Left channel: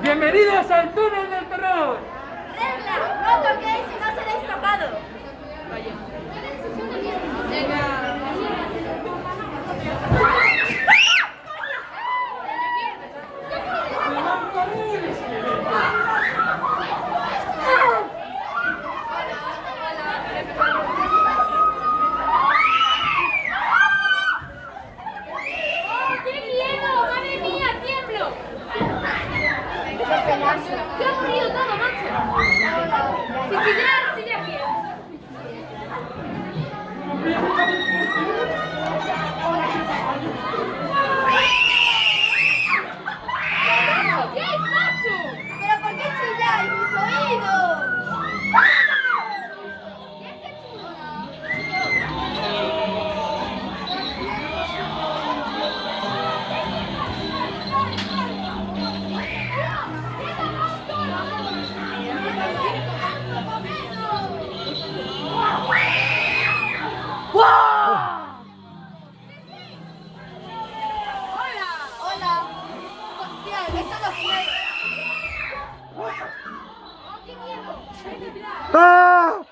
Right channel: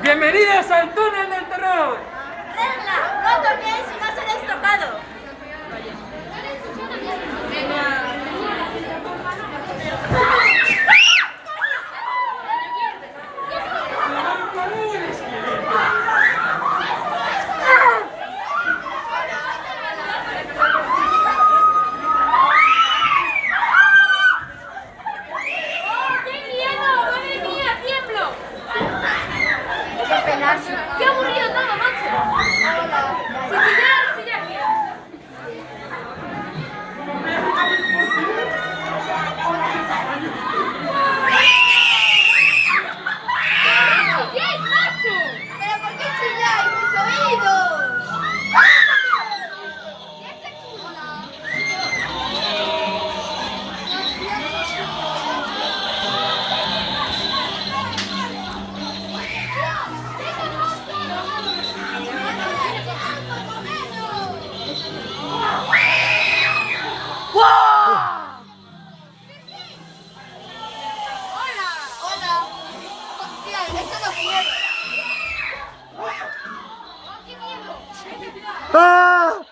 Bienvenidos al túnel del terror. ¡Regla! No toquéis y no seréis tocado. ¡Qué aburrido todo, macho! ¡Sin chillar, chillar! ¡Chilláis, macho! ¿Pero por qué chilláis mis oídos? Hola. Hostia, esto no quiero. ¡Qué miedo! ¡Ah!